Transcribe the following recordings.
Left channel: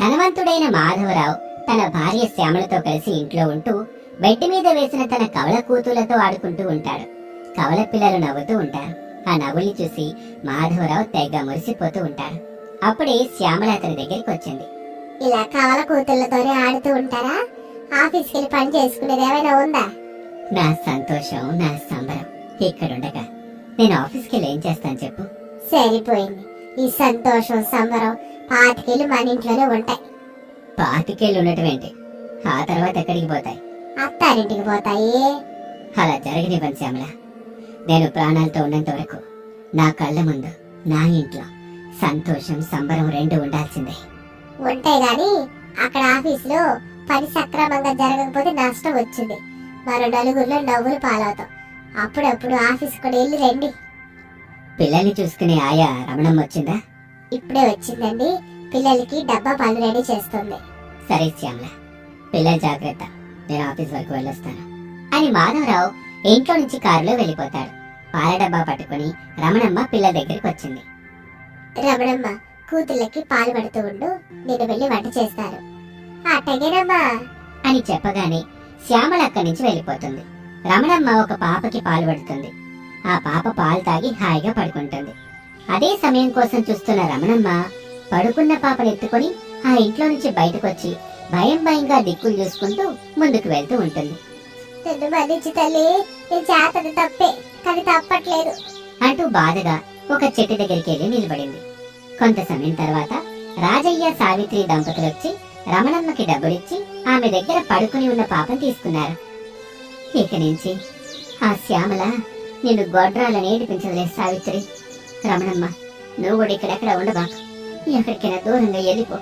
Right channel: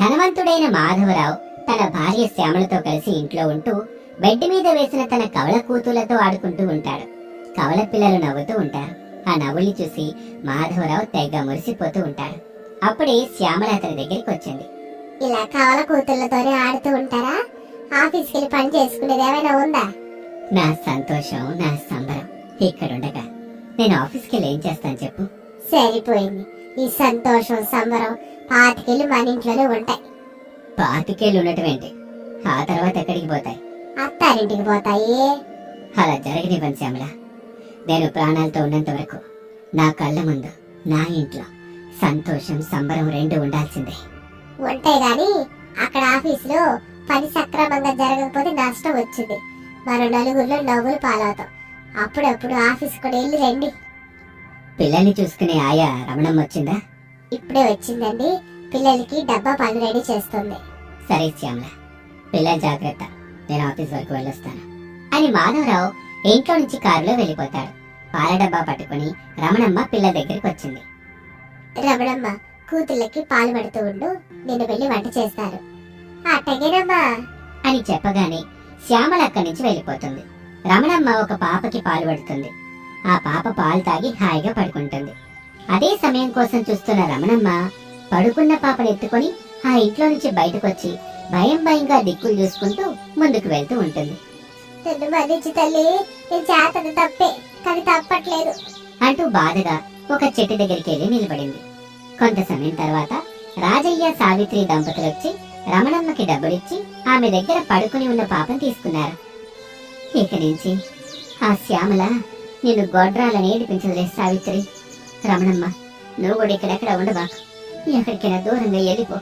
ధనవంతుడైన మాధవరావు తన భార్య శ్యామలతో కలిసి ఇంట్లో ఉంటూ బెడ్ మీద వేసిన తన కవల కూతులతో ఆడుకుంటూ ఉంటాడు. కవల పిల్లలు నవ్వుతూ ఉంటారు. ఆ నవ్వుల్ని చూసి మాధవరావు తెగ మురిసిపోతూ ఉంటాడు. అప్పుడే శ్యామల అతని దగ్గరికి వచ్చింది. ఇలా కవల కూతుళ్ళతోనే ఆడుతూ ఉంటారా? ఆఫీస్కి వెళ్ళి పని చేసుకునేది ఏమైనా ఉందా? నా సంతోషం, నా సంబరం ఇక్కడుండగా నేను ఆఫీస్కి వెళ్ళి ఏం చేస్తాను చెప్పు? సరిపోయింది. ఈ సంతోషం సంబరం పాతికెళ్ళి మన ఇంట్లోనే ఉంటాయి. పాతికేళ్ళు ఉండటం ఏంటి? ఆ తర్వాత ఎక్కడికి పోతాయి? అత్తారింటికి పోతాయి. అలా జరగనివ్వను శ్యామల. నేను ప్రాణాలతో ఉన్నంత వరకు నా కళ్ళ ముందు నా ఇంట్లో సంతోషం సంబరం రెండు ఉండాల్సిందే. ఉంటాయి గాని అక్కడ ఆఫీసులో పని సక్రమంగా జరగకపోతే నష్టం వచ్చింది. మరో నలుగురిలో నవ్వులు పాలవుతాం. అప్పుడప్పుడు ఆఫీస్ కూడా వెళ్ళి రండి. పిల్లల్ని చూసుకునే ఆయా రమణమ్మ వచ్చిందా? ఇప్పుడే వచ్చిందండి. పిల్లలకి డబ్బా పళ్ళు రెడీ చేస్తుంది. సరే శ్యామల, పిల్లల జాగ్రత్త, నేను ఆఫీస్ వరకు వెళ్ళొస్తాను అని మాధవరావు ఇంట్లో నుంచి కారులో వెళ్ళిపోతాడు. పాల డబ్బా పట్టుకుని రమణమ్మ పిల్లల దగ్గరికి వచ్చింది. రమణమ్మ, కూతుళ్ళకి పాలు పడుతూ ఉండు, నిన్ను వెళ్ళి వంట చేస్తారు. అట్టగేనమ్మా అని చెప్పగానే శ్యామల అక్కడి నుంచి వెళ్ళిపోతుంది. రమణమ్మ ఒక పాపకి పాలు పడుతుంది. ఆ పాప పాలు తాగి హాయిగా పడుకుంటుంది. అదే సమయం కోసం చూస్తున్న రమణమ్మ పడుకున్న పాపను ఎత్తుకొని ఆ ఇంట్లో నుంచి బయటకొచ్చి భయం భయంగా దిక్కులు చూసుకుంటూ ముందుకు వెళ్తూ ఉంటుంది. నిన్ను మన్నించు తల్లి, నేను చేతది తప్పే, కానీ తప్పట్లేదు అంటూ బాధగా ఒక చెట్టు దగ్గరికి వెళ్ళి నిలబడింది. కొంత సమయం తర్వాత రాజయ్య సావిత్రి దంపతులు వచ్చి రమణమ్మకి డబ్బులిచ్చి ఆమె దగ్గర పడుకుని ఉన్న పాపను తీసుకున్నారు. ఇక నుంచి ఆ శ్యామల నిన్ను గొడ్రాలని ఏడిపించదులే సావిత్రి. రమణమ్మ, నువ్వు కూడా ఇక్కడెక్కడ ఉండబాకు, ఎక్కడికైనా దూరంగా వెళ్ళిపో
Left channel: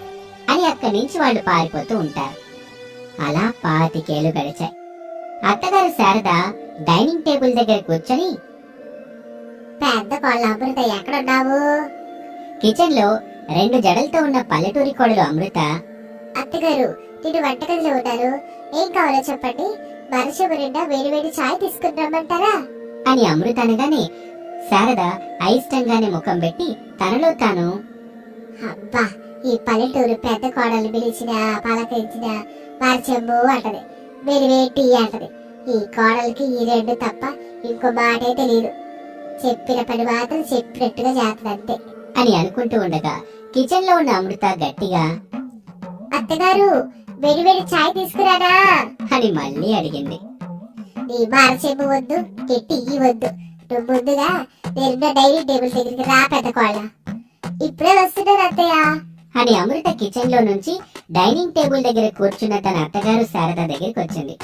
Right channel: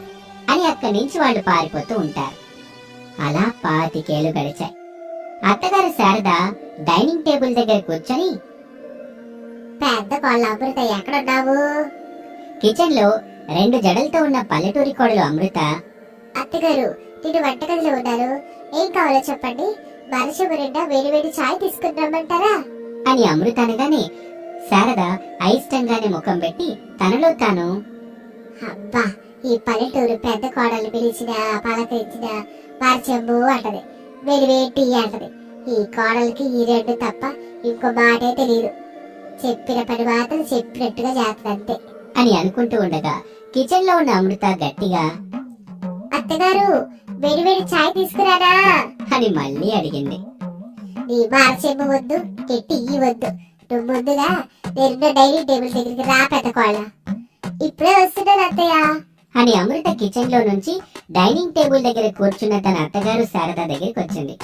అని అక్కడి నుంచి వాళ్ళు పారిపోతూ ఉంటారు. అలా 25 ఏళ్లు గడిచాయి. అత్తగారు శారద డైనింగ్ టేబుల్ దగ్గర కూర్చొని, పెద్ద కోళ్ళ అమృత ఎక్కడున్నావు? కిచెన్ లో 2 జడలతో ఉన్న పల్లెటూరి కోడలు అమృత, అత్తగారు, నేను వంటగదిలో ఉన్నాను, ఏం కావాలో చెప్పండి, మరచెంబు నిండా వేడివేడి ఛాయ్ తీసుకుని రమ్మంటారా అని అమృత అనగానే శారద అయిష్టంగానే ముఖం పెట్టి తనలో తాను, అబ్బా, ఈ పల్లెటూరు పెద్ద కోడల్ని పిలిచిన పలకరించిన మరచెంబు అంటది, వేడివేడి టీ అంటది. ఈ కోడలికి ఈ 2 తప్ప ఇంకో మాటే తెలియదు. చెప్పిన పని మాత్రం చెప్పినట్టుగా చేస్తుంది అంతే అని అనుకుంటూ ఉండగా కిచెన్ లో ఉన్న అమృత గట్టిగా, అత్తగారు, వేడివేడి ఛాయ్ తీసుకురానా అని మళ్ళీ అడిగింది. నీ మరచెంబు వద్దు, టీ వద్దు, నువ్వు ముందుగా నేనున్న డైనింగ్ టేబుల్ దగ్గరికి రా పెద్ద కోళ్ళ. ఇప్పుడే వస్తున్నాను అత్తయ్య అని అమృత కిచెన్ లో నుంచి డైనింగ్ టేబుల్ దగ్గర కూర్చున్న తన అత్తగారు శారద దగ్గరికి వచ్చింది.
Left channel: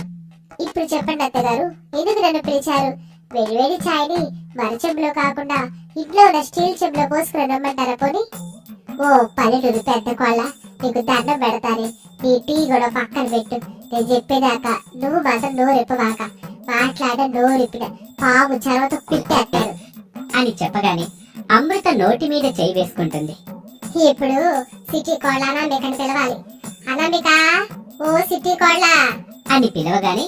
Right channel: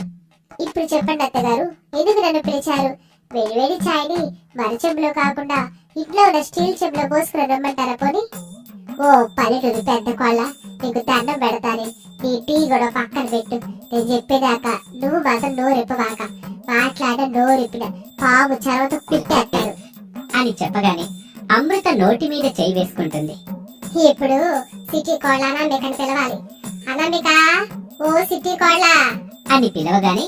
ఇప్పుడు చెప్పండి అత్తగారు, ఎందుకు నన్ను పిలిచారు? వేడివేడి ఛాయ్ని మరచెంబులో కాకుండా ఇంట్లో ఉన్న స్టీల్ చెంబులో పోసుకుని రమ్మంటారా పోనీ? ఓ పల్లెటూరు పెద్ద కోళ్ళ, నీకు దండం పెడతానే, నీ టీ కూడా పక్కన పెట్టు. నేను చెప్పేదాకా నువ్వు మాత్రం నోరెప్పబాక. మాట్లాడ నోరెప్పిన పాము చర్వతో కుట్టేస్తారు అని చెప్పగానే అమృత నోటి మీద చేయి వేసుకుంటుంది. ఇప్పుడు సిటీ కోళ్ళ అనామికని పిలవాలి. అనామిక, ఓ సిటీ కోళ్ళ అని పిలవగానే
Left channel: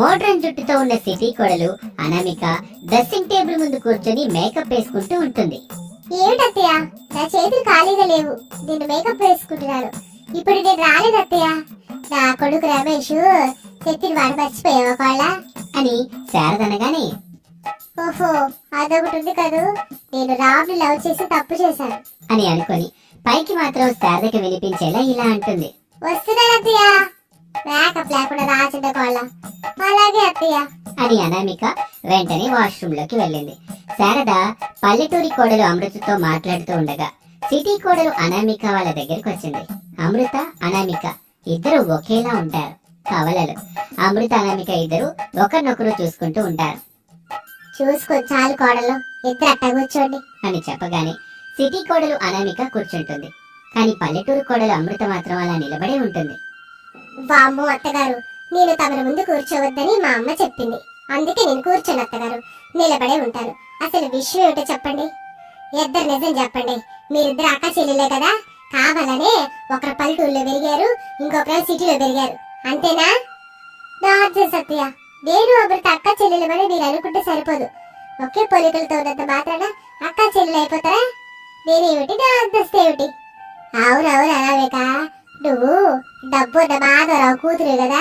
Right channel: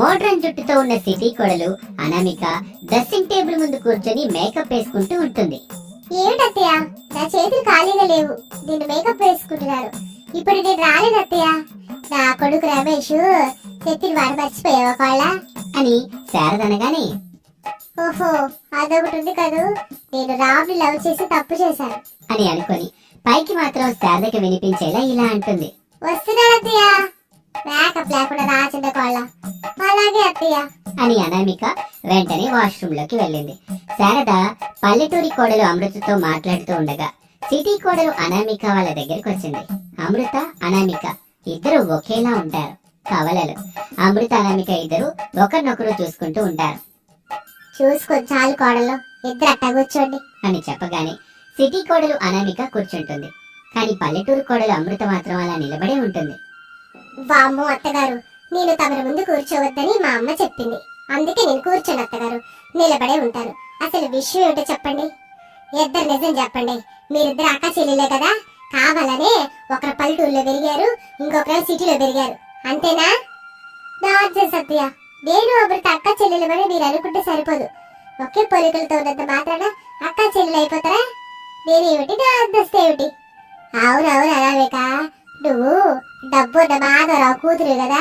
మోడ్రన్ జుట్టుతో ఉన్న సిటీ కోడలు అనామిక డ్రెస్సింగ్ టేబుల్ ముందు కూర్చొని మేకప్ వేసుకుంటూ ఉంటుంది. ఏమిటత్తయ్య, నా చేతులు ఖాళీగా లేవు, నేను మేకప్ వేసుకుంటున్నాను. ఇప్పుడు నేను రాలేదు అత్తయ్య. నా కొడుకు రమేష్ చెప్పిన మాట మర్చిపోయావా కోళ్ళ అని శారద అనగానే, ఓహో, అదొకటి ఉంది కదూ, నేను రామ్ని లవ్ చేసి తప్పు చేశాను అని అనుకొని పైకి మాత్రం శారదకి వినిపించేలా ఇలా అంటుంది. వస్తున్నాను అత్తయ్య, మేకప్ లేకుండా రాచిండ కోళ్ళ. అలాగే అత్తయ్య అని అనామిక వెంటనే వాష్రూమ్ లోకి వెళ్ళింది. శారద పల్లెటూరి కోడలు అమృతతో మాట్లాడుతూ ఉండగా సిటీ కోడలు అనామిక వాళ్ళ దగ్గరికి వచ్చింది. అమృత, అనామిక ఇద్దరు ఒకేలా ఉంటారు, కవలలు. అమృత, అనామిక ఇద్దరు ఒకరినొకరు చూసుకుంటూ ఉంటారు. చూసుకో చాలు కోడలు, ఇద్దరు అట్ట కూర్చోండి అని చెప్పగానే సిటీ కోడలు అనామిక కూర్చుంటుంది. కానీ పల్లెటూరు కోడలు అమృత మాత్రం అలా నిలబడే ఉంటుంది. వామ్మో అత్తగారు, నేను తమరి ముందు కూర్చోవద్దని మా అమ్మ చెప్పింది, అందుకే నేను కూర్చోను అత్తగారు, నిలబడే ఉంటాను. అసలు విషయం ఏమిటో చెప్పండి, ఇద్దరు నిజం చెప్పండి. మీరిద్దరు అక్క చెల్లెలే కదా, కావాలనే ఒకరు పల్లెటూరులో పెరిగారు, ఇంకొకరు సిటీలో పెరిగారు, అంతేనా? నార్జన్ సత్య, నేను అమృత అక్క చెల్లెలమని మీరు అనుకుంటే సరిపోదు. ఒకే పోలికలతో ఉన్నంత మాత్రాన అక్క చెల్లెలు అయిపోతారా? నేనేమిటి, నా అంతస్తు ఏమిటి? అవునవును అనామిక, నువ్వు డబ్బున్న మాధవరావు కూతురు కదా,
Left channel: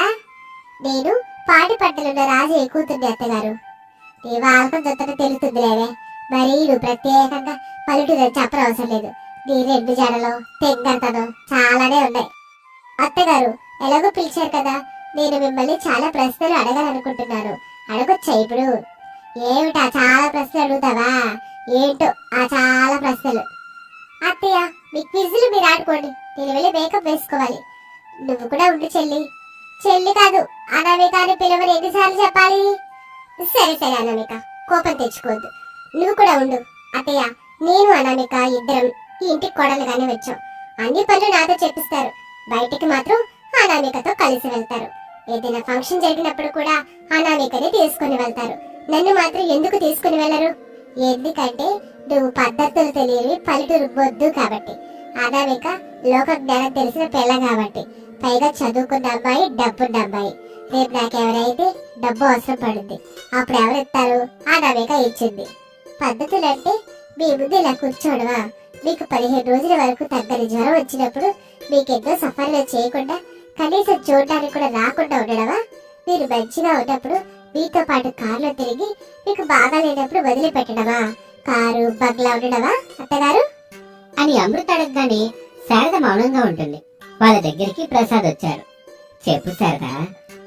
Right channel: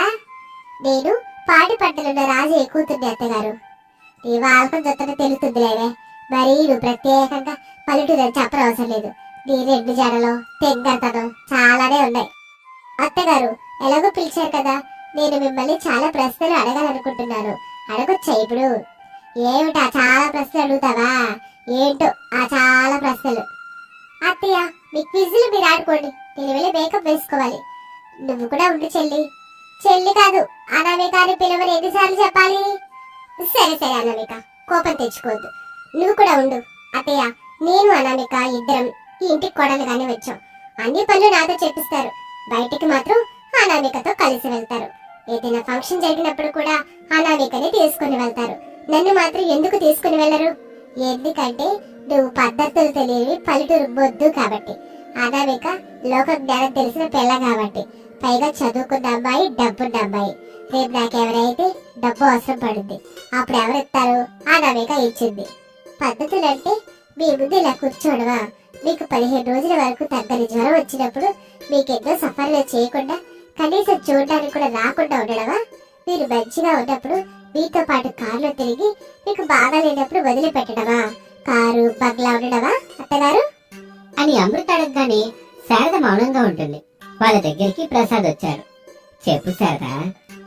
నేను పాటి పట్టలున్న రాజయ్య కూతుర్ని అత్తగారు. నీ వాళ్ళకం చూస్తుంటే తెలుస్తుందిలేవే. మరీ నువ్వు ప్రత్యేకంగా పల్లెటూరు చెప్పనవసరం లేదు. నీ రెండు జడలో తెంగరతనం చాలానే ఉన్నాయి. అత్తగారు ఎలాగో పిలిచారు కదా, నేను మిమ్మల్ని చాలా ప్రశ్నలు అడగాలనుకుంటున్నాను. అడగొచ్చా ఇప్పుడు? ఏమిటా చాలా ప్రశ్నలు అడుగుతావా? ఏంటో ఆ చాలా ప్రశ్నలు. అత్తయ్య మీ క్విజ్లు మీరు ఆడుకోండి, నేను వెళ్ళి మేకప్ వేసుకోవాలి. నువ్వు కూడా ఉండు చెల్లి. చెల్లి కాదు, అనామిక అని పిలవని ఎన్నిసార్లు చెప్పాలి? సరే సరే అనామిక, కోపం తెచ్చుకోవద్దు. నువ్వు కూడా ఉండు. అత్తయ్య నేను అనామిక ఇద్దరం ఈ ఇంటికి కొడలుగానే వచ్చాం. అన్ని పనులు నాతో చెప్పిస్తారు. బయటికి మాత్రం అనామికతో కలిసి వెళ్తారు. ఏదైనా ఫంక్షన్ జరిగినప్పుడు కూడా అనామికనే తీసుకుని వెళ్తారు. నన్ను మాత్రం ఎందుకు తీసుకుని వెళ్ళరు? ఎందుకంటే నువ్వు పద్ధతులు తెలియని పల్లెటూరు బొద్దు కాబట్టి. అనామిక లోక జ్ఞానం తెలిసిన పిల్ల కాబట్టి. పైగా చదువుకున్న అమ్మాయి, డబ్బున్న అమ్మాయి. రేపు నాకెవరైతే డబ్బు అవసరం పడుద్ది, అప్పుడు ఎవరిస్తారు? అనామిక ఇచ్చింది. పద్ధతులు అంటే మీ ముందు ఇలా కూర్చోడవా? మీకు 15 రోజుల వరకు తగ్గని జ్వరం వచ్చినప్పుడు మీకెన్నో సఫర్లు చేయకుండా, కనీసం చూడడానికి కూడా రాకుండా ఉండడమా? మీరు మంచిగా ఉన్నప్పుడు మీతో పాటు కారులో తిరిగి, మీకు బాగా లేనప్పుడు వదిలిపెట్టడమా? కారు బంగ్లా ఉండడమా అత్తగారు? అని అమృత అడగగానే శారద మౌనంగా ఉంటుంది. వాళ్ళ దగ్గరికి ప్రసాద్ వచ్చారు. చెప్పు శారద,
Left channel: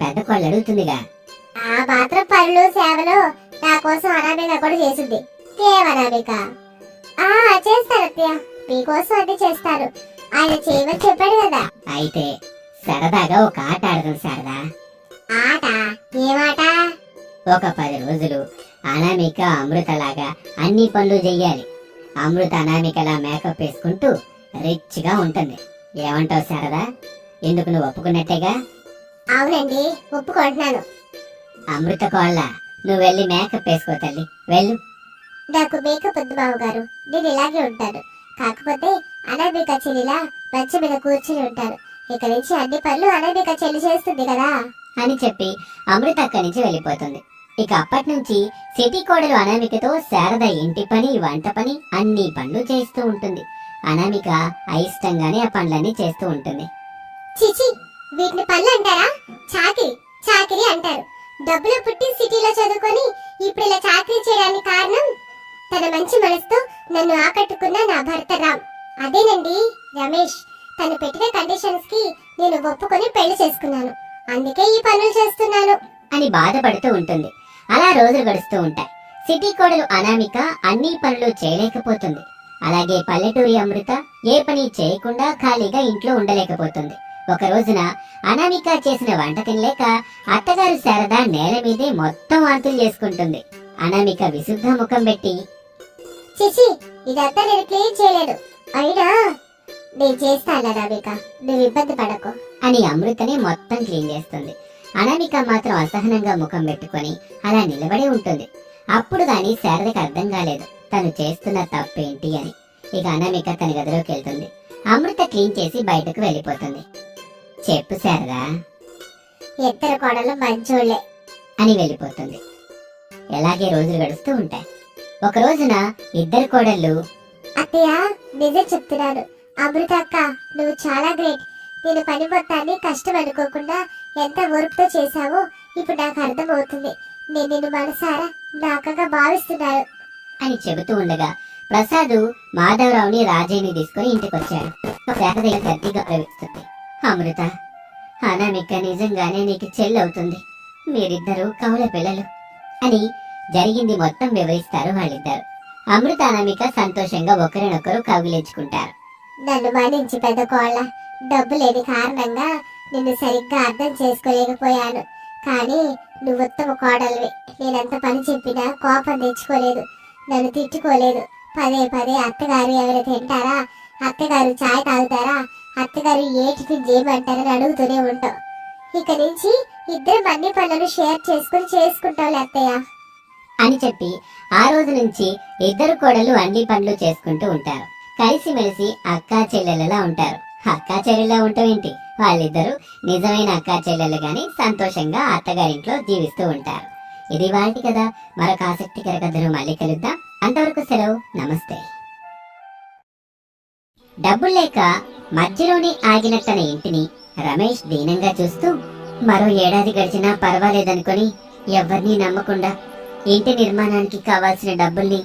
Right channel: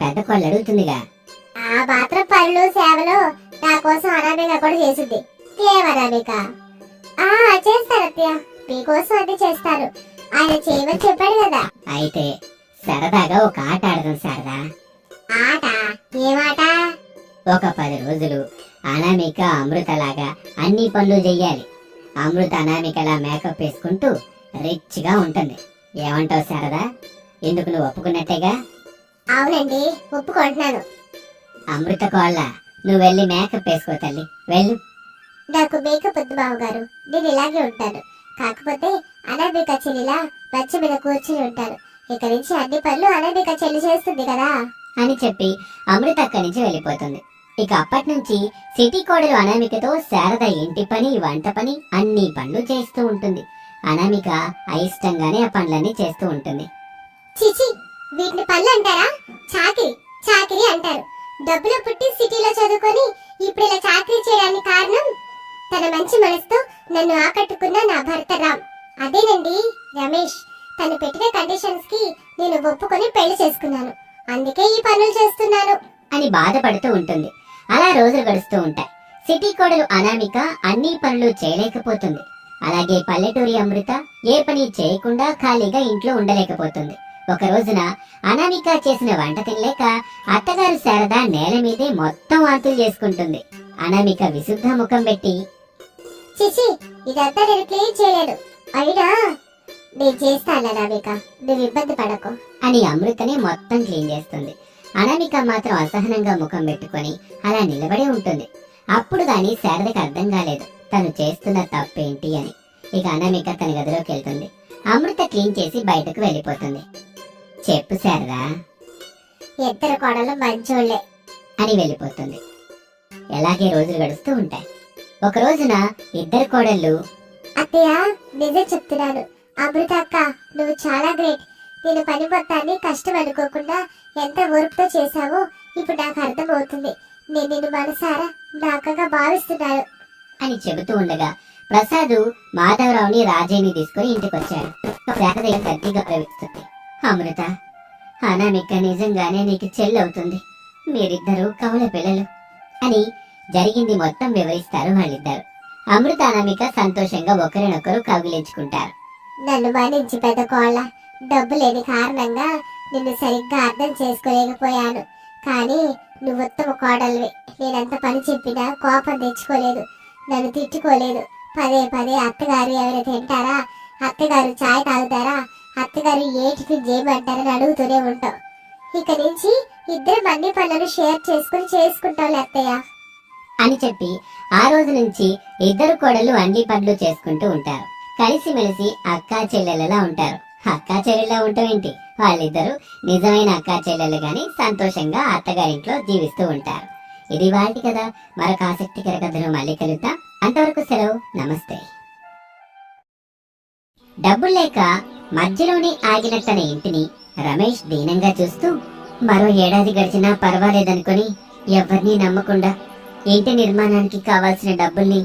పెద్ద కోళ్ళు అడుగుతుందిగా. ఆ మాత్రం పనులు సేవలు నా కోసం అనామిక కూడా చేసింది. ఏమనామిక? చేస్తారు అత్తయ్య, మీకోసం అన్ని చేస్తారు. ఆయన చేయమని చెప్పాడు కదా. అయితే సరదాగా ఒక ఆట ఆడదాం శారదా. ఆట? ఏమాట? ఒక 10 రోజులు అనామిక అమృతలాగా అన్ని పనులు చెయ్యాలి. అమృత అనామికలా మేకప్ వేసుకుంటూ రిచ్ గా ఉంటుంది. ఏమంటావు శారదా? ఎందుకు, నువ్వు ఒప్పుకున్నట్టేగా? అవునండి, ఒప్పుకుంటున్నాను. అమృత కోళ్ళ, నువ్వు వెళ్ళి మేకప్ వేసుకో తల్లి, వెళ్ళు. నాకు మేకప్ వద్దు బావగారు, నేను ఇలాగే ఉంటాను. కాకపోతే అనామిక చెల్లిలా మంచం మీద కూర్చుని ఉంటాను. ఇక నుంచి అన్ని పనులు అనామిక చెల్లి చేస్తుంది కదా అని చెప్పి అమృత అక్కడి నుంచి వెళ్ళిపోతుంది. ఇక అప్పటి నుంచి సిటీ కోడలు అనామికతో శారద ఇంటి పని, వంట పని, అన్ని పనులు చేస్తూ ఉంటుంది. అనామిక అయిష్టంగానే ఆ పనులన్నీ చేస్తూ ఉంటుంది. చిచి, వీటిని పనులు అంటారా? చాకిరి చాకిరి అంటారు. డబ్బులు పుట్టి సిటీలో చదువుకొని ఇప్పుడు ఇలా చాకిరీ చేయడానికి కారణం తన మంచి మనసుతో నన్ను ఆకట్టుకున్న నా భర్త రామ్. అదేనండి రమేష్. తను పెట్టిన కండిషన్స్ కి నేను ఒప్పుకొని పెళ్లి చేసుకున్నాను. అందుకే ఈ పనులు చేస్తున్నాను అని బాధపడుతూ ఉంటుంది. అలా రోజులు గడుస్తూ ఉంటాయి. సిటీ కోడలు అనామిక అన్ని పనులు చేయలేకపోతుంది. అలాగే పల్లెటూరి అమృత ఏ పని చేయకుండా ఖాళీగా ఇంట్లో ఉండలేకపోతుంది. ఒక రోజున అనామిక చేసిన వంట తినలేక అత్తగారు శారద నేల మీదే మొత్తం వాంతులు చేసుకుంటుంది. అనామిక విశుద్ధ ముఖం పెట్టి, చిచి, ఇదంతా నేను క్లీన్ చేయలేను. అయినా నేను చేస్తాను అనామిక, నువ్వు ఇబ్బంది పడకు అని అమృతనే మొత్తం క్లీన్ చేస్తుంది. అనామిక మాత్రం అసహనంగా ముఖం పెట్టుకొని అలా నిలబడి ఉంటుంది. అప్పుడు గాని శారదకి అర్థం కాలేదు తను చేస్తున్న తప్పేంటి అని. ఇక అనామిక తన గదిలోకి వెళ్తుంది. అమృత క్లీన్ చేసి బయటకు వెళ్ళిపోతుంది. చెప్పు శారదా. ఇద్దరు కోడలు మంచోళ్లే అని వెళ్ళిపోతుంది. ఎలాగే రోజులు గడుస్తూ ఉంటాయి. ఒక రోజున ఇద్దరు కోడళ్ళు, అత్తయ్య నిజం చెప్తున్నాను, అమృత అక్క నువ్వు చాలా గ్రేట్. నేను పని మొత్తాన్ని కష్టం అనుకోకుండా ఎంత ఓర్పుతో చేశావో ఇప్పుడు నాకు అర్థం అవుతుంది. నేను నిన్ను మనసారా నా అక్కగా భావిస్తున్నాను అని చెబుతూ ఉండగా ప్రసాద్ మాధవరావుని, రాజయ్యని తీసుకుని ఇంటికొచ్చాడు. శారద గట్టిగా గౌరవిస్తుంది. అమృత, అనామిక నిజంగానే నీకు చెల్లవుతుంది. మీరిద్దరూ కవల పిల్లలు అని జరిగింది మొత్తం వివరిస్తారు వాళ్ళిద్దరు. అమృత, అనామిక సంతోషంగా ఒకరినొకరు కౌగిలించుకుంటారు. నన్ను మన్నించి పెద్ద కోళ్ళ, డబ్బు లేని కారణంగా నిన్ను సరిగ్గా అర్థం చేసుకోలేకపోయాను. కానీ నువ్వు ఉత్తమ కోడలివి. నేనెంత పని చెప్పినా కోపం తెచ్చుకోలేదు, నన్ను తిట్టుకోలేదు. పదే పదే అత్తగారు ఎవరు తింటారా, అత్తగారు చాయ్ తాగుతారా, అత్తగారు ఏ టిఫిన్ చేయమంటారని అడుగుతూనే ఉంటావు. ఇక నుంచి ఇద్దరం అన్ని పనులను షేర్ చేసుకుంటాం అత్తయ్య అని చెప్పి ఆ రోజు నుంచి ఇద్దరు కోడళ్ళు అన్ని పనులు చేసుకుంటూ ఉంటారు. కలిసిమెలిసి అక్కా చెల్లెళ్ళలా ఉంటారు. అక్కా చెల్లెళ్ళ ఉండటం ఏంటి, వాళ్ళిద్దరూ నిజమైన అక్కా చెల్లెళ్ళు గాని సంతోషంగా అత్తగారింట్లో జీవిస్తూ ఉంటారు. ఇది వాటి కదా. మరొక ఆసక్తికర కథను మళ్ళీ కలుద్దాం. అంతవరకు సెలవు, నమస్తే. డబ్బులు లేక మధ్యలోనే ఆగిన తన ఇంటిని రమేష్ దీనంగా చూస్తూ మరో ఏడాది గడిచినా పర్వాలేదనుకొని ఎవ్వరినీ నమ్మకుండా ఇంటి నిర్మాణానికి కావాల్సిన డబ్బుల్ని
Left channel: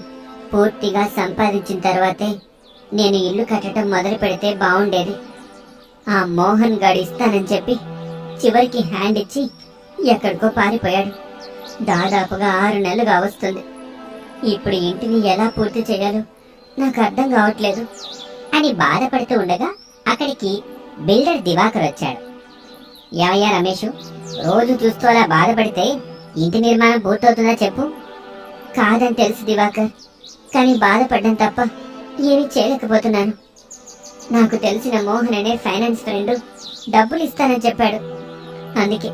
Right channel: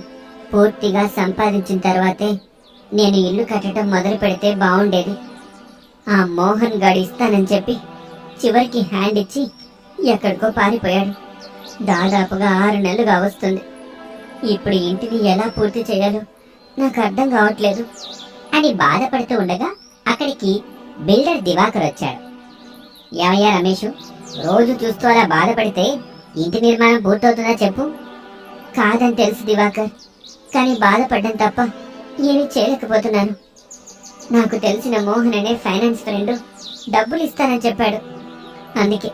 పూర్తిగా సంపాదించిన తర్వాతే నేను ఇల్లు కట్టడం మొదలు పెడితే బాగుండేది. ఆ మోహన్ గాడు ఇస్తానని చెప్పి చివరికి హ్యాండ్ ఇచ్చి ఎక్కడికో పారిపోయాడు. దాదాపుగా 6 నెలలుగా వస్తుంది. ఇప్పుడు ఇంటిని ఎలా పూర్తి చేయాలో నాకు అర్థం కావట్లేదు అని బాధపడుతూ ఉండగా అక్కడికి బిల్డర్ దివాకర్ వచ్చాడు. ఏమయ్యా రమేషు, రోజు చూస్తూ అలా బాధపడితే ఇంటి నిర్మాణం పూర్తవుతుందా చెప్పు. కాదని తెలుసు దివాకర్, కానీ బాధపడ్డం తప్ప ఏమీ చేయలేకపోతున్నాను. నాకు తెలిసిన మోహన్ అనే ఫైనాన్స్ ఫ్రెండ్ డబ్బులు ఇస్తానని చెప్పాడు. అందుకే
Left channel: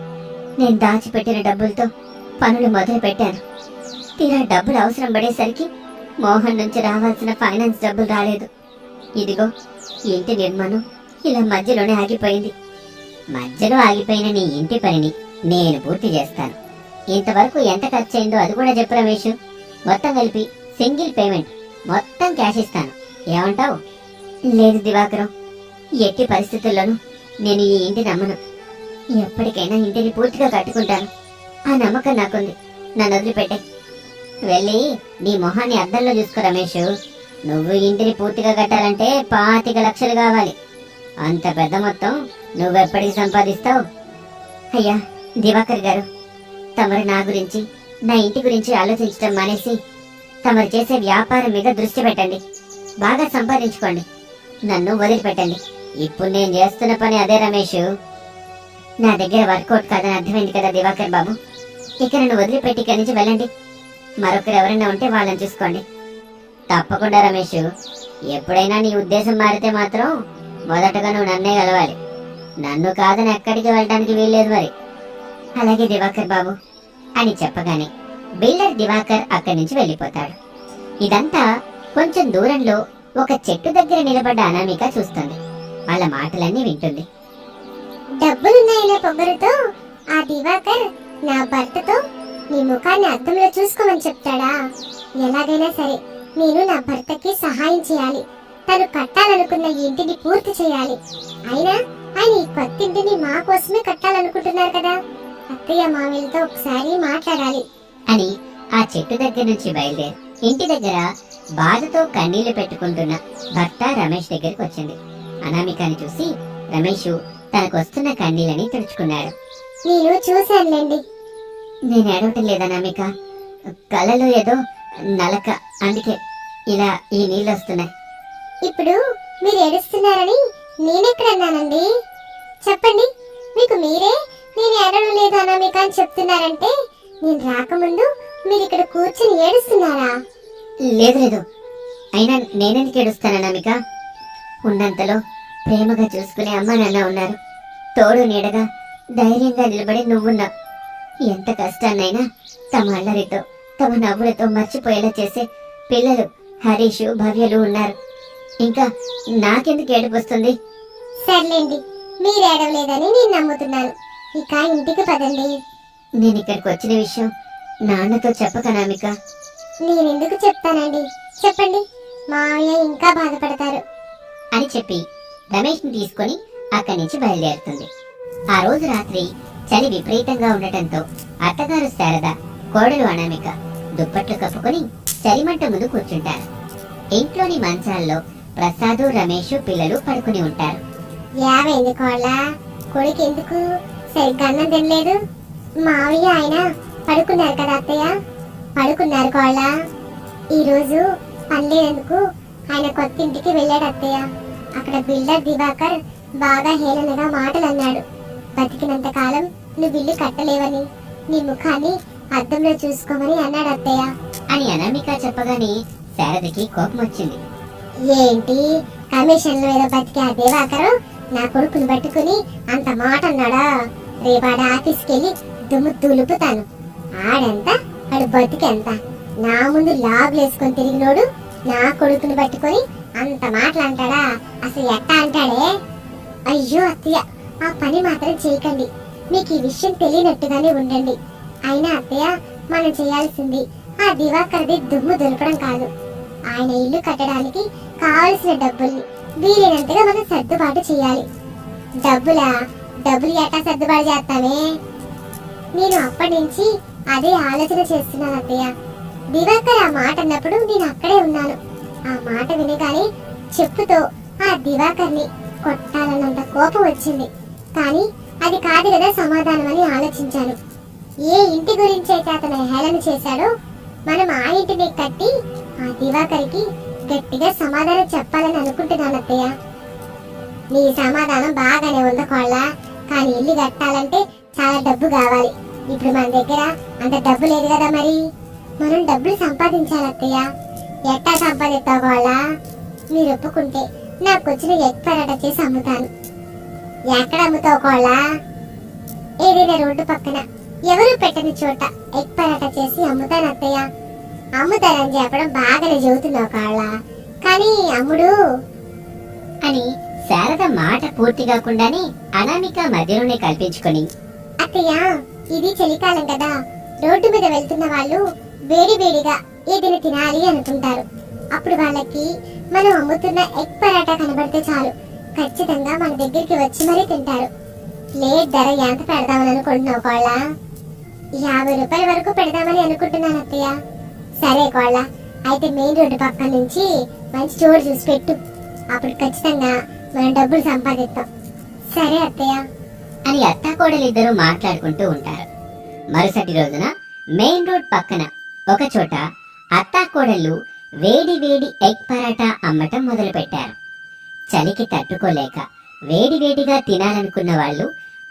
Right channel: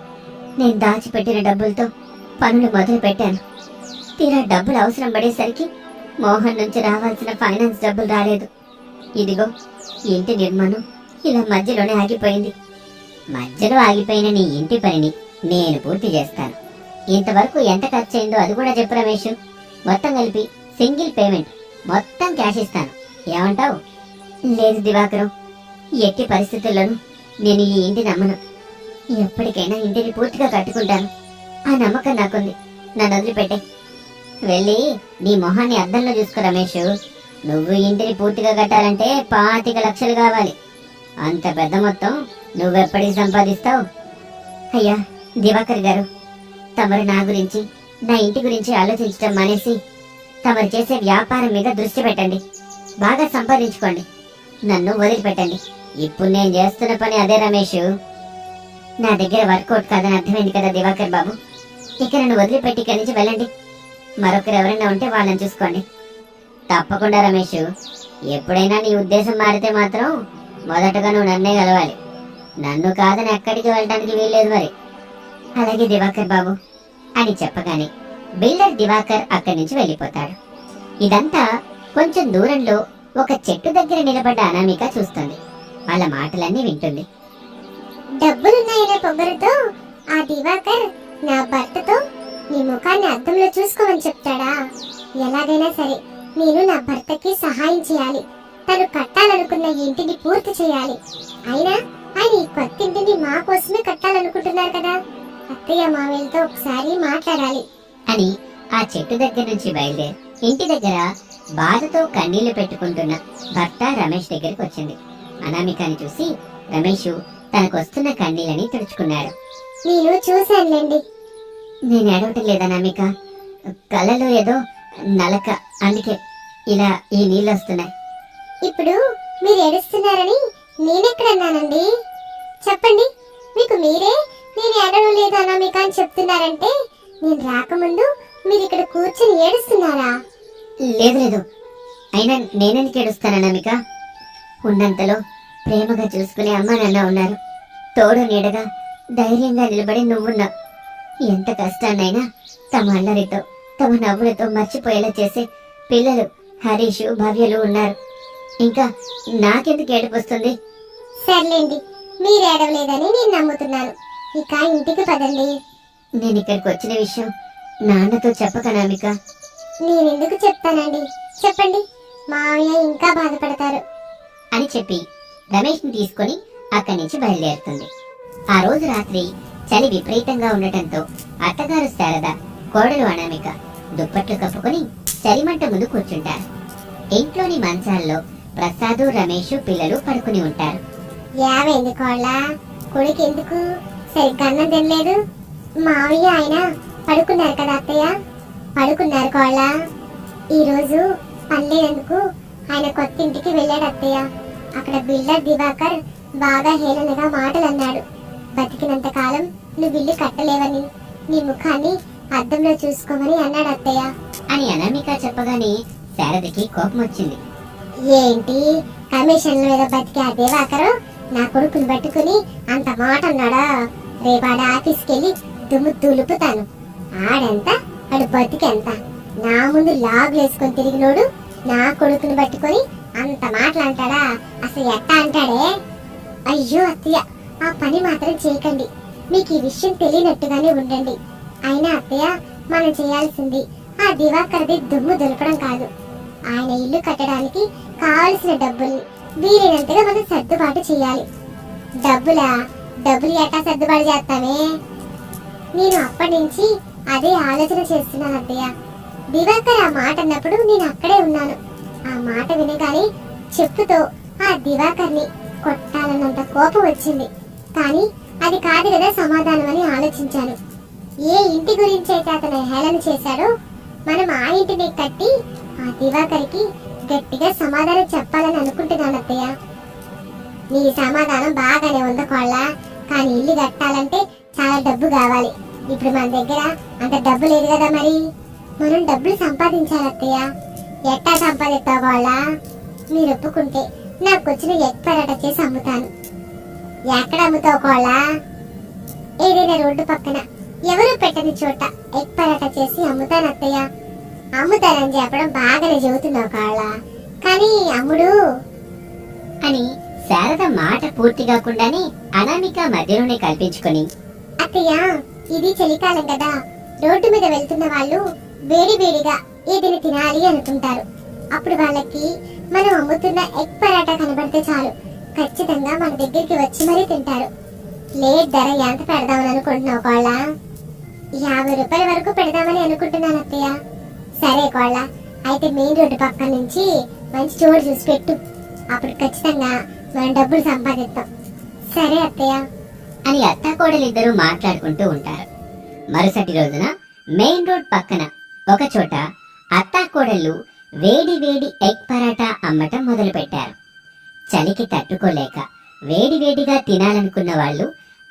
నేను దాచిపెట్టిన డబ్బులతో పనులు మొదలు పెట్టాను. తీరా డబ్బులు అవసరం పడేసరికి మోహన్ నుంచి రావాల్సిన ఫైనాన్స్ డబ్బులు రాలేదు. ఇదిగో ఇంటి నిర్మాణం ఇలా మధ్యలోనే ఆగిపోయింది. మధ్యలో ఆగిపోయిన నీ ఇంటి పనిని నేను పూర్తి చేస్తాను. ఇంతవరకు ఎంత ఖర్చయిందో అది కూడా చెప్పు రమేష్. మొత్తం కలిపి సింగిల్ పేమెంట్, మొత్తం క్యాష్ ఇస్తాను. ఏమంటావు? లేదు దివాకరం, ఎట్టి పరిస్థితుల్లోనూ నేను ఈ ఇంటిని నమ్మను. ఎప్పటికైనా ఇంటిని పూర్తిగా కట్టుకుంటాను. ఆ నమ్మకం నాకుంది. నన్ను వదిలిపెట్టే. వెళ్ళి నీ మొహాన్ని అద్దంలో చూసుకో రమేష్. నువ్వు ఇంటిని పూర్తిగా కట్టాలంటే 25 లక్షలు కావాలి. అంత పెద్ద మొత్తం నువ్వెప్పటికి సంపాదిస్తావు? అయ్యా దివాకర్ గారు, తమరు నా గురించి, నా ఇంటి గురించి ఆలోచించడం మానేసి తమరు చేసే వ్యాపారం మీద దృష్టి పెట్టండి. బాగా సంపాదించుకోండి. నన్ను వదిలిపెట్టండి. ఇప్పుడు నేను చేస్తున్న పని అదే రమేష్. నా దగ్గర వర్కౌట్ కాదని అర్థమైంది కదా దివాకర్ బాబు. ఇక నన్ను వదిలిపెట్టి ఇక్కడి నుంచి వెళ్ళండి. మరొకరు ఎవరైనా ఉంటే వాళ్ళని చూసుకోండి. తప్పకుండా రమేష్, ఎప్పుడైనా నీ ఉద్దేశం మారితే మాత్రం మొదటగా నువ్వు నన్నే కలవాలి. నన్ను కాదని ఎక్కడికి వెళ్ళడానికి వీల్లేదు మరి. అలాగే దివాకర్ బాబు అని చెప్పగానే బిల్డర్ దివాకర్ అక్కడి నుంచి వెళ్ళిపోతాడు. ఇదంతా కొంచెం దూరంలో ఒక చెట్టు దగ్గర నిలబడ్డ అనామిక చూస్తుంది. వాళ్ళ మాటలన్నీ వింటుంది. డబ్బులున్నాయనే పొగరుతో ఆ దివాకర్ నా భర్తతో నీ ముఖాన్ని అద్దంలో చూసుకోమని చెప్తాడా? ఎలాగైనా సరే నేను నా భర్తకి సహాయం చేయాలి. తను కట్టాలనుకున్న ఈ ఇంటిని పూర్తి చేయాలి. అయినా ఆయన ఈ కొత్త ఇంటిని మా కోసమే కట్టాలనుకుంటున్నారు కదా. అత్తయ్య మామయ్యలతో ఒకసారి మాట్లాడాలి అని ఆ చెట్టు దగ్గర నుంచి బయలుదేరి ఇంటి దగ్గర బాధతో కన్నీళ్లు పెట్టుకుంటున్న భర్త రమేష్ దగ్గరికి వచ్చింది. అనామికని చూసి రమేష్ తనకొస్తున్న కన్నీళ్ళని తుడుచుకున్నాడు. నేను చూశానులేండి. నేను ఏడవటం లేదా అనామిక, కళ్ళలో ఏదో నలక, అందుకే ఇలా ఈ నీళ్ళు వస్తున్నాయి. ఇప్పుడు మీరు ఏడుస్తున్నారని నేనెక్కడన్నానండి? చెప్పండి. మీకు మీరే నేను ఏడవడం లేదు అనామిక అని చెప్తున్నారంటే నేను రాకముందు మీరు ఇక్కడ కూర్చొని ఏడుస్తున్నారా? లేదు లేదు, అయినా నేనెందుకు ఏడుస్తాను అనామిక? ఉన్నంతలో ప్రేమగా చూసుకునే అమ్మ నాన్న ఉన్నారు. తోడు నీడగా ధైర్యంగా నిలబడి నువ్వున్నావు. ఎంత కష్టాన్నైనా తమ అల్లరితో తమ నవ్వులతో మర్చిపోయేలా చేసే పిల్లలు హరీష్ భవ్యలు ఉన్నారు. ఇంకా నాకెందుకు ఏడుపు వస్తుంది? సర్లేండి, మీరు ఏడవలేదని నేను నమ్ముతున్నాను. ఇక ఇంటికి పదండి. నేను ఇక్కడికి వచ్చిన విషయం నాన్నతో చెప్పకనామిక. నేనెందుకు చెప్తానండి? చెప్పండి, మావయ్య ఇంకా బాధపడతారు అని చెప్పి రమేష్ని తీసుకొని అక్కడి నుంచి బయలుదేరుతుంది. ఆ రోజు రాత్రి చలి విపరీతంగా ఉండటంతో అత్తగారు శారద, కోడలు అనామిక దుప్పట్లు కప్పుకొని చలిమంట ముందు కూర్చుంటారు. ఇంట్లోని మంచాల్లో ప్రసాదు, రమేష్ పిల్లలు పడుకుని ఉంటారు. యావైంది కోళ్ళ, కొడుకు ఎందుకు సరిగ్గా అన్నం తినలేదు? మావయ్య ఆయన పడుకున్నారు కదా అత్తయ్య? పడుకున్నారు కోళ్ళ. ఈరోజు పనిలేనందుకు ఆయన కొత్త ఇంటికి వెళ్ళాడు అత్తయ్య. అక్కడ బిల్డర్ దివాకర్ బాగా హేళనగా మాటలు అన్నాడు. బతికినంత కాలం నువ్వు ఇల్లు కట్టలేవని, నీ ముఖాన్ని అద్దంలో చూసుకోమని అన్నాడు అత్తయ్య అని అనామిక చెప్పగానే శారదకి కోపం వచ్చింది. ఏంటి కమిషన్ల మీద బతికే ఆ దివాకరు నా కొడుకుని పట్టుకుని అంత మాట అన్నాడా? రేపాడ ఆఫీస్కి వెళ్ళి దుమ్ము దులుపుతాను. ఆడెంత ఆడు బతికెంత? నా ముందు లాగులు వేసుకొని తిరిగినోడు నా కొడుకుని పట్టుకొని అంత మాటలు అంటాడా? అసలు ఎట్టా అంటాడే? అయ్యో అత్తయ్య, ఆ పని మాత్రం చేయకండి. మీకు ఈ విషయం తెలియనట్టుగానే ఉండండి. అయినా అత్తయ్య, మనం చేయాల్సింది ఆ దివాకర్ది దుమ్ము దులపడం కాదు. ఆయన ఇల్లు కట్టడానికి కావలసిన డబ్బుల్ని వీలైనంతగా మనం సర్దుబాటు చేయాలి. డబ్బులు ఎట్టా సర్దుబాటు చేస్తామే? నేను అప్పటి నుంచి అదే ఆలోచన చేస్తున్నాను అత్తయ్య. దివాకర్ ఆ మాట అన్నప్పుడు నేను అక్కడే ఉన్నాను. ఆ మాట వినగానే చెప్పుతో ఆ దివాకర్ని కొట్టాలన్నంత కోపం వచ్చింది. కానీ అది కాదు కదా సమాధానం అని ఆలోచించాను. ఏ ఇంటి గురించి అయితే అతను హేళన చేశాడో మనం ఆ ఇంటిని కట్టి ఆ దివాకర్కి గట్టిగా సమాధానం చెప్పాలని అనుకుంటున్నాను అత్తయ్య. నీ సమాధానం బాగానే ఉందా కోళ్ళ, కానీ ఇల్లు కట్టాలంటే చాలా డబ్బు కావాలి. ఇప్పుడు మన దగ్గర అంత డబ్బు లేదు కదా, మరి మనం డబ్బులు సంపాదించాలి అత్తయ్య. ఎట్టా సంపాదిస్తావు కోళ్ళ? మీరు ఒప్పుకుంటే నాకు వచ్చిన ఎగ్ పరాటా చేసి అమ్ముతాను. ఎక్కడ అమ్ముతావు కోళ్ళ? ఏదైనా రోడ్డు పక్కన ఎవరు పెట్టని చోట ఎగ్ పరాటా చేసి అమ్ముతాను అత్తయ్య. అమ్ముతానని చెప్పడం బాగానే చెబుతున్నావు కాళ్ళ, కానీ అమ్ముడు అని శారద మాట పూర్తి కాకుండానే అనామిక మధ్యలోనే కల్పించుకొని, అత్తయ్య ఇది చలికాలం కదా, రోడ్డు మీద వెళ్తున్న వాళ్ళు వేడి వేడిగా ఏదైనా తినాలి అనుకుంటారు. అప్పుడు వాళ్ళకి మనం అమ్ముతున్న ఎగ్ పరాటా కనబడితే చాలు, ఖచ్చితంగా మన దగ్గరికి వచ్చి మరీ తింటారు. ప్లేట్ ధర ఎంత పెడదామని అనుకుంటున్నావు కోళ్ళ? 50 రూపాయల వరకు పెడదామని అనుకుంటున్నాను అత్తయ్య. సరే కోళ్ళ, అయితే మెయిన్ రోడ్డు పక్కన నుంచి మంచి చోటు చూసి పెట్టు. అప్పుడు ఖచ్చితంగా మనం డబ్బులు సంపాదిస్తాం. సరే అత్తయ్య అని అత్తాకోడలిద్దరూ మాట్లాడుకుంటూ ఉంటారు. మరుసటి రోజున మెయిన్ రోడ్ పక్కన ఒక చోట అత్తాకోడళ్ళు వేడి వేడి ఎగ్ పరాటా అమ్మటం మొదలుపెట్టారు. చలికి తట్టుకోలేక వేడివేడిగా తినాలనుకున్న వాళ్ళు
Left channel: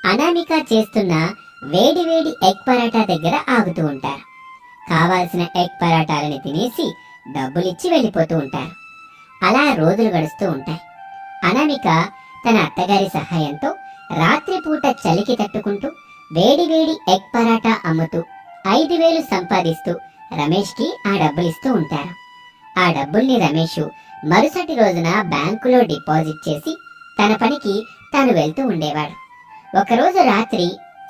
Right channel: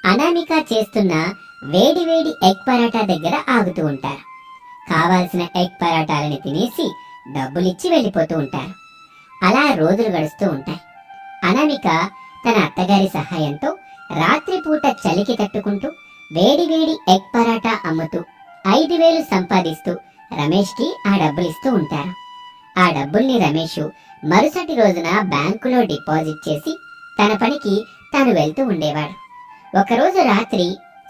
అనామిక చేస్తున్న వేడివేడి ఎగ్ పరాటా దగ్గర ఆగుతూ ఉంటారు. కావాల్సిన ఎగ్ పరాటాలని తినేసి డబ్బులిచ్చి వెళ్ళిపోతూ ఉంటారు. అలా రోజులు గడుస్తూ ఉంటాయి. అనామిక తన అత్తగారి సహాయంతో రాత్రిపూట చలికి తట్టుకుంటూ వేడివేడి ఎగ్ పరాటా అమ్ముతూ 5,000 సంపాదిస్తూ రమేష్కి ఆ డబ్బులిస్తూ ఉంటారు. ఆ డబ్బుల్ని రమేష్ మరుసటి రోజున బ్యాంకులో డిపాజిట్ చేసి తన పనికి తాను వెళ్తూ ఉండేవాడు. ఒకరోజు రాత్రి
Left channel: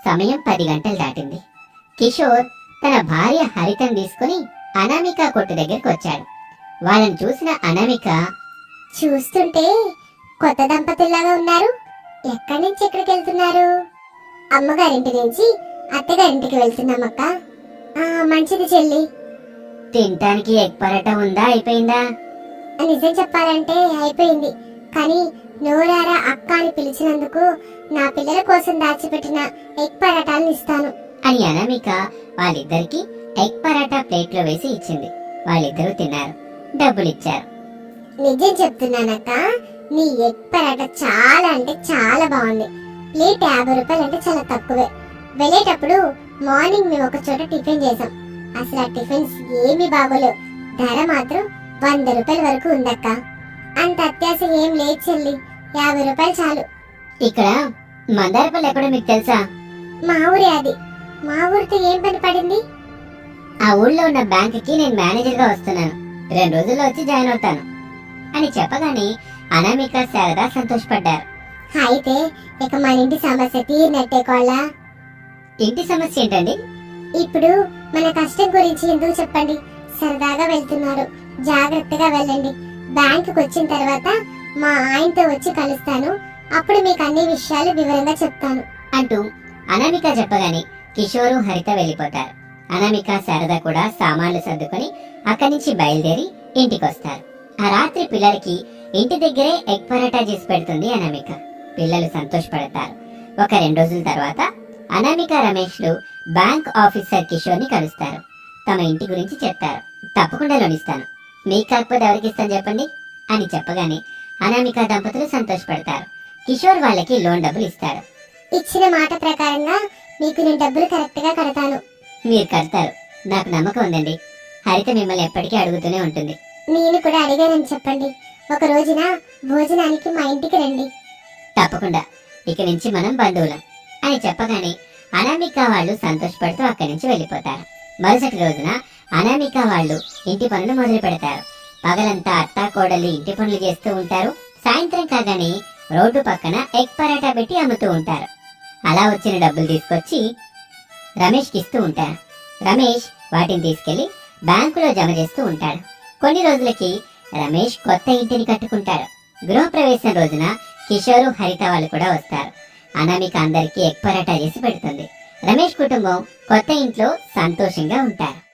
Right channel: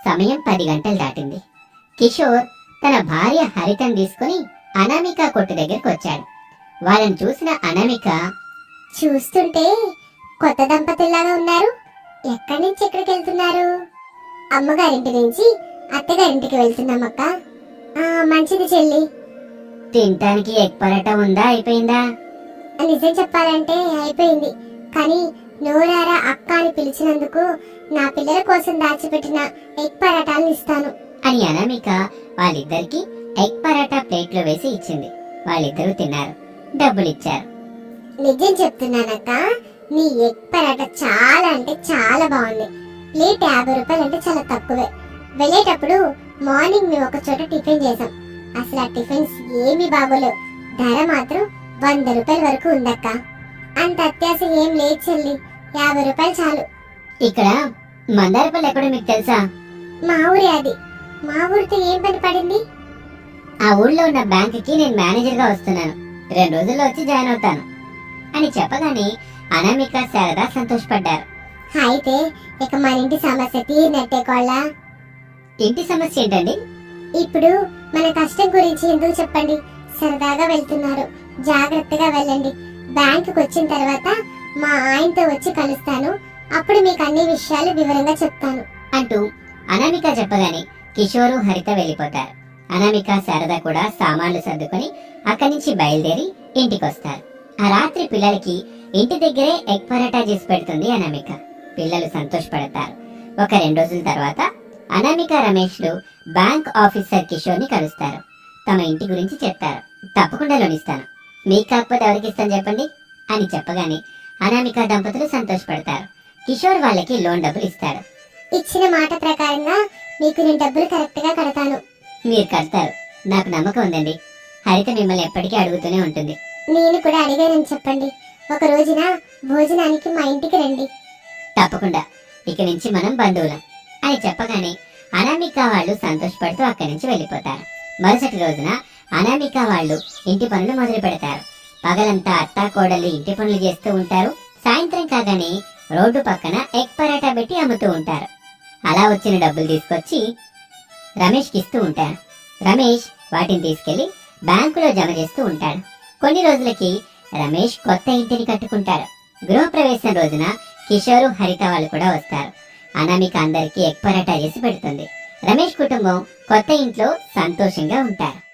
సమయం 10 గంటలు దాటింది. కిషోర్ తన భార్య హరితను తీసుకుని అనామిక కొట్టు దగ్గరికి వచ్చాడు. వాళ్ళని చూసిన అనామిక, చూస్తుంటే కొత్త దంపతుల్లాగా ఉన్నారు. ఎక్కడి నుంచి ఎక్కడికి వెళ్తున్నారు? అమ్మగారింటి నుంచి అత్తగారింటికి వెళ్తున్నామక్క. మంచిది చెల్లి. తినటానికి ఎగ్ పరాటా ఉందా, అయిపోయిందా? నిజం చెప్పాలంటే అయిపోయింది, కానీ నోరారా అక్క అని పిలిచినందుకు నా పిల్లల కోసం దాచిపెట్టిన ఎగ్ పరాటాలను ఇస్తాను అని అనామిక వాళ్ళిద్దరికి ఎగ్ పరాటా ప్లేట్లో వేసి ఇచ్చింది. వాళ్ళిద్దరూ తిన్నారు, డబ్బులిచ్చారు. నిజం చెప్తున్నానక్క, నీ ఎగ్ పరాటా చాలా అంటే చాలా బాగుంది. ప్లేట్ 50 రూపాయలు అంటే చాలా తక్కువే. వెళ్ళేటప్పుడు మార్నింగ్ మేము ఒక చోట టిఫిన్ చేసాం. అసలు ఆ టిఫిన్స్ ఏమీ బాగోలేవు. ధర మాత్రం 100 రూపాయల వరకు ఉందక్క. అంత అత్యాశ ఏం లేదు చెల్లి, 50 రూపాయలు చాలు. ఇక్కడ మందారపల్లి ఎక్కడో మీకు తెలుసా? మా ఊరే అది. మా ఊరితో ఏం పని పడింది? ఆ ఊళ్ళో ఉన్న బ్యాంకుకి నేను మేనేజర్గా వస్తున్నాను. 2 రోజుల్లో వచ్చి జాయిన్ అవుతాను అని చెప్పగానే అనామిక శారద సంతోషపడ్డారు. అయితే ఇక మన ఇంటి సమస్య తీరినట్టే కోళ్ళ. ఇంటి సమస్య ఏంటండి? ఇప్పుడు మన కష్టం గురించి ఎందుకు చెప్పండి, సరదాగా వెళ్తున్నారు, జాగ్రత్తగా వెళ్ళండి. బ్యాంకుకి వచ్చిన తర్వాత మా ఆయనతో వచ్చి కలుస్తాను, అప్పుడు మీకు అన్ని విషయాలు వివరంగా చెప్తాను అంటూ అనామిక చెప్పగానే కిషోరు హరిత వెళ్ళిపోతారు. అనామిక శారద కూడా సామాన్లు సర్దుకొని అక్కడి నుంచి బయలుదేరి ఇంటికొస్తారు. ఆ రాత్రి పిల్లలకి ఇంటి దగ్గరే ఎగ్ పరాటా చేసి పెడుతుంది అనామిక. పిల్లలు సంతోషపడతారు. ఒక 2 రోజుల తర్వాత అనామిక రమేష్లు బ్యాంక్ ఆఫీసర్ కిషోర్ని కలుస్తారు. తమ ఇంటి గురించి చెప్తారు. తప్పకుండా లోన్ ఇస్తాను, మీకు కాకపోతే ఎవరికి ఇస్తాను చెప్పండి అని చెప్పగానే అనామిక దంపతులు సంతోషపడతారు. కిషోర్ వాళ్ళకి లోన్ డబ్బులు ఇస్తాడు. ఇచ్చిన మాట ప్రకారంగా మీకు నేను డబ్బులు కరెక్ట్ గా కడతాను. మీరు కడతారు, నాకు నమ్మకం ఉందండి. హరిత మిమ్మల్ని ఎప్పటికీ అడుగుతూనే ఉంటుంది. నేను కూడా అడిగానని చెప్పండి. ఒక రోజున భోజనానికి మా ఇంటికి రండి. తప్పకుండా, ఇక నుంచి మనం బంధువులం అని చెప్పగానే అనామిక వాళ్ళు సంతోషపడుతూ అక్కడి నుంచి వెళ్ళిపోతారు. మరుసటి రోజున అనామిక వాళ్ళు ఇంటి పనులు మొదలు పెడతారు. పగలంతా అత్తా కోడళ్ళు ఇంటి పనులు చేస్తూ ఉంటారు. సాయంత్రం కాగానే రోడ్డు పక్కన ఎగ్ పరాటా పెట్టి అమ్ముతూ ఉంటారు. అలా వచ్చిన డబ్బులు తీసుకొచ్చి రమేష్కి ఇస్తూ ఉంటారు. రమేష్ వాటిని తీసుకెళ్లి బ్యాంకులో జమ చేస్తూ ఉంటాడు. కొన్ని రోజులకి రమేష్ కొత్త ఇంటిని కట్టుకుంటాడు. గృహప్రవేశం రోజున కిషోరు హరిత వాళ్ళు కూడా వస్తారు. అనామిక అందరికీ ఎగ్ పరాటా చేసి పెడుతుంది. రమేష్ కుటుంబం కొత్త ఇంట్లో సంతోషంగా ఉంటారు.